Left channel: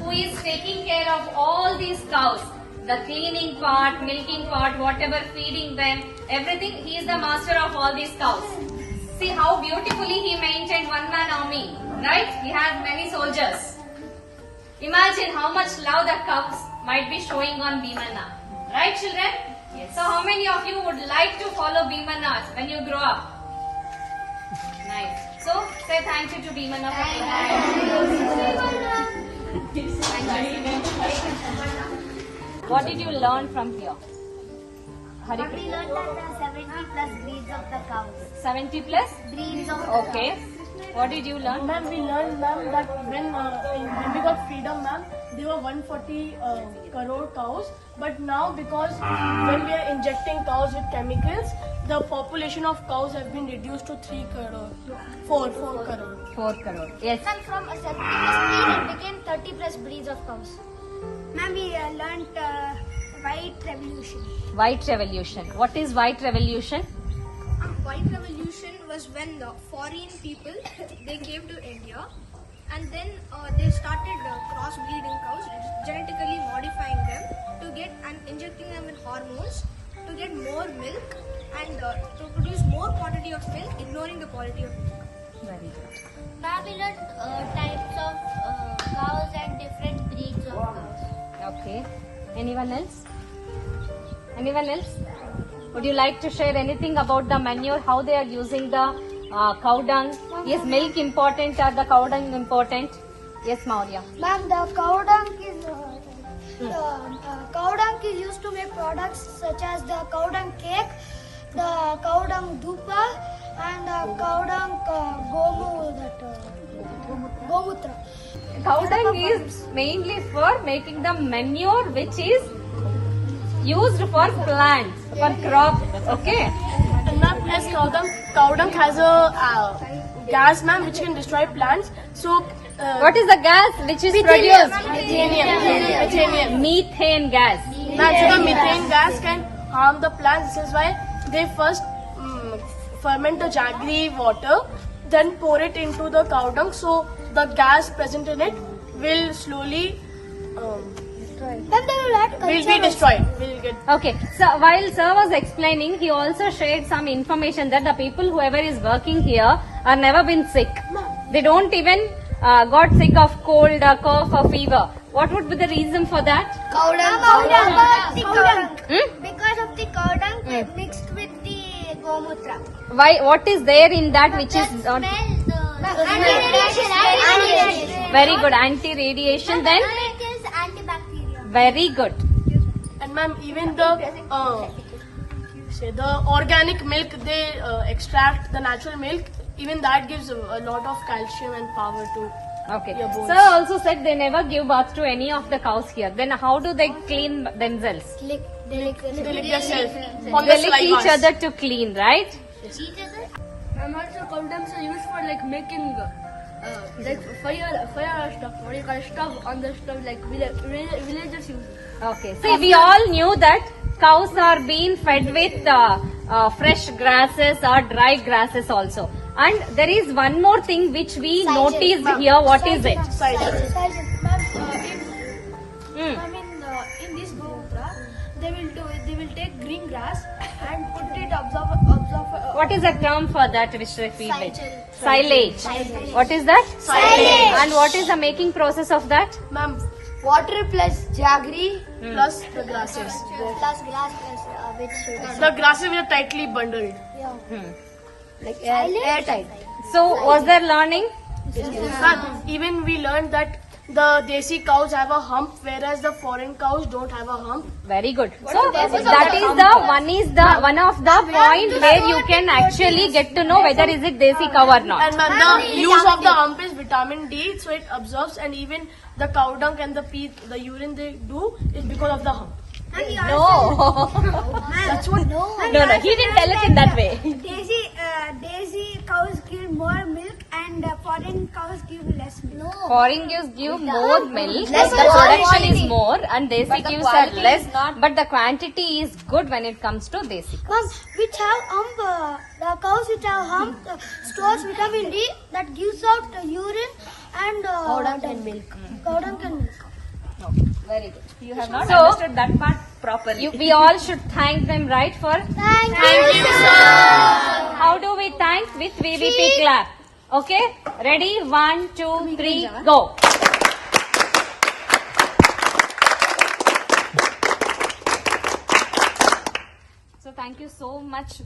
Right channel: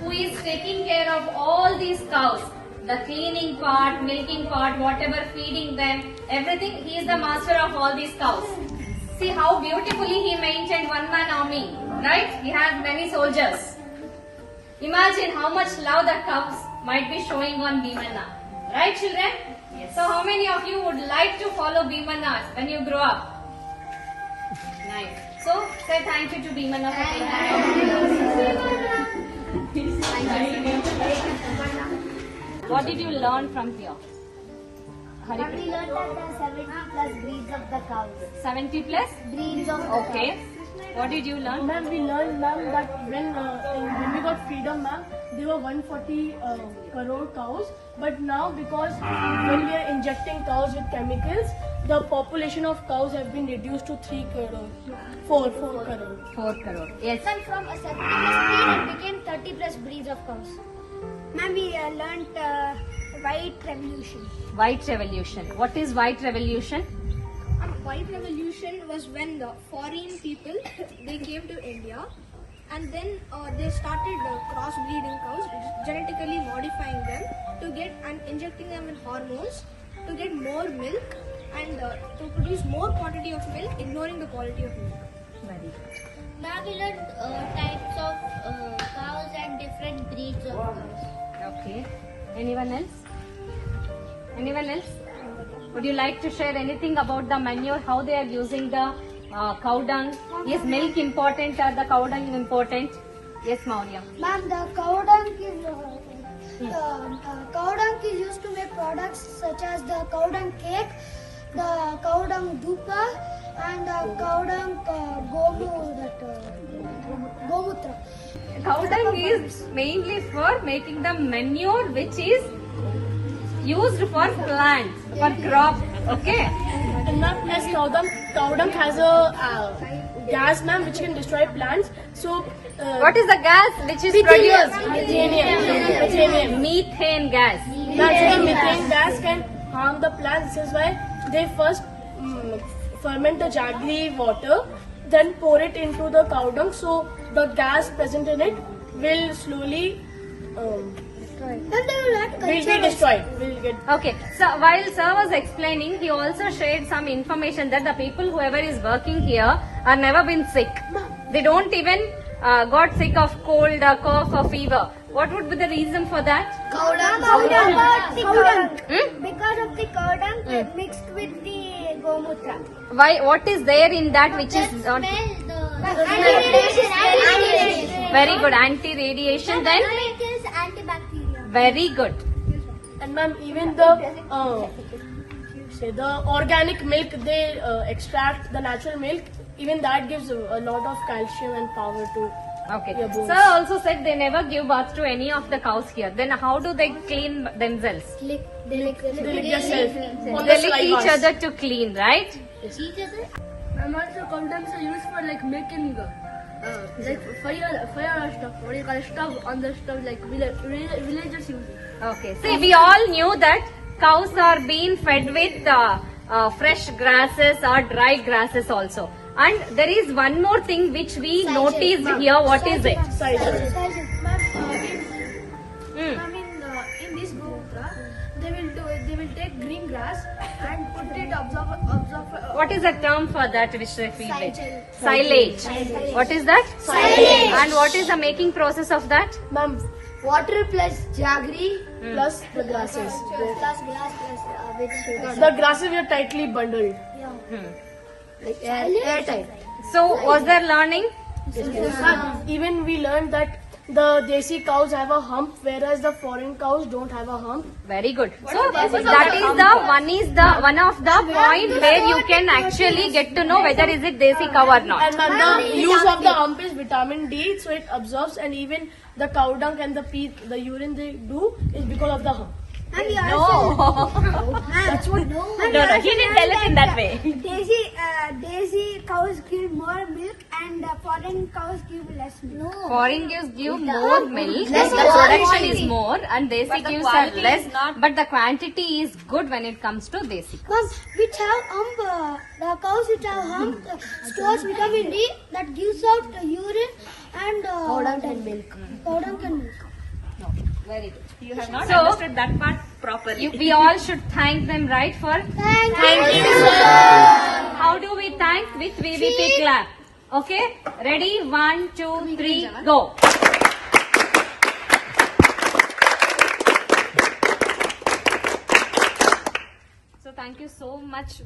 who is taking care of all these cows. The cleaning part, milking part, whatever, feeding them, everything. He is the master of all these cows. See how beautifully he maintained one-man army, right? He has many soldiers. Imagine how much love the cows might be showing on Bhimana. Right, children? Yes. So how many of you would like to follow Bhimana when you grow up? Nice. So say thank you to Bhimana for What did you learn from here? We learned that there are 70 plus breeds of the cows. 70 plus? Breeds of the Okay. What did you learn? Ma'am, we learned, ma'am, that when we got freedom, ma'am, there were 140 crore cows. But now, because when we are injecting cows with chemicals, the population of cows have been reduced to 3 crore. 4 crore. 4 crore. Yes. And from a 70 plus breed, it became 30 plus breeds of cows. Ma'am, we learned white revolution. White revolution. What is white revolution? White revolution was when the foreign people they came to India, and then they started crossbreeding cows, genetically modifying them to get and injecting them with hormones to get more milk and to produce more quantity of milk, ignoring the quality of milk. Very good. Ma'am, we learned types of cows and different breeds of cows. Okay. Anyone else? Anyone else? Would you like to share anything about the manure, how they are using the cow dung? Is milk important or the cow dung important? Yes, Maurya. Ma'am, the cow dung is used to make products such as the cow dung cake, the cow dung dhupa, and the cow dung gomutra. Cow dung is mainly for making the manure which is used for plants, for crops. Okay. And ma'am, as cow dung has a gas, ma'am, which can destroy plants. So, What is the gas which is produced? Methane gas. Ma'am, so the methane gas can harm the plants. This is why they first ferment the jaggery water, then pour it into the cow dung. So the gas present in it will slowly will be destroyed. Okay, so while sir was explaining, he also shared some information that the people whoever is working here are never been sick. They don't even got sick of cold, cough or fever. What would be the reason for that? Cow dung. Because of the cow dung mixed with the gomutra. Why? What is there in that which is not Anti-radiation. very good? Anti-radiation. Then It is antibacterial. very good. And ma'am, even the organic milk they extract, the natural milk, even that gives a lot of calcium and power to Okay. your bones. Sir also said they never give birth to any of the cows here. Then how do they clean themselves? They lick themselves on They the lick each saliva. other to clean, right? And also cow dungs are used for like making like fire stuff. What do you call stuff on the stuff like villagers use. Okay. See, we all knew that cows are being fed with fresh grasses or dry grasses also. And there is one more thing which we noticed here. What is it? Silage. Hmm. In this gomutra, they will take green grass and put it absorb. What is the term for that which they feed with? Silage. Silage. What is that? Silage. And what is the making process of that? Ma'am, Water plus jaggery plus the grasses. plus grass plus vegetable. The grasses were tightly bundled. Hmm. Like airtight. So, was there learning? Even we learned that the desi cows have a hump, whereas the foreign cows don't have a hump. Very good. So that is the one of the point where you can actually get to know whether is it desi cow or not. And ma'am, the use of the hump is vitamin D, so it absorbs, and even the cow dung and the urine they do is because of the hump. No. That's what. No, he didn't tell it in that way. Desi cows give more milk and foreign cows give less milk. Foreign gives give more milk, the production is more, and desi gives are less, but the quantity is good when it comes to desi. Which have hump, the cows which have hump stores vitamin D that gives out urine And cow dung can milk. Cow dung can milk. No, very good. You have not So- understood that part properly. We all should thank them, right? For Thank you, sir. how do we thank? With VVP clap. Okay, ready? 1, 2, 3, go. So thank you so much.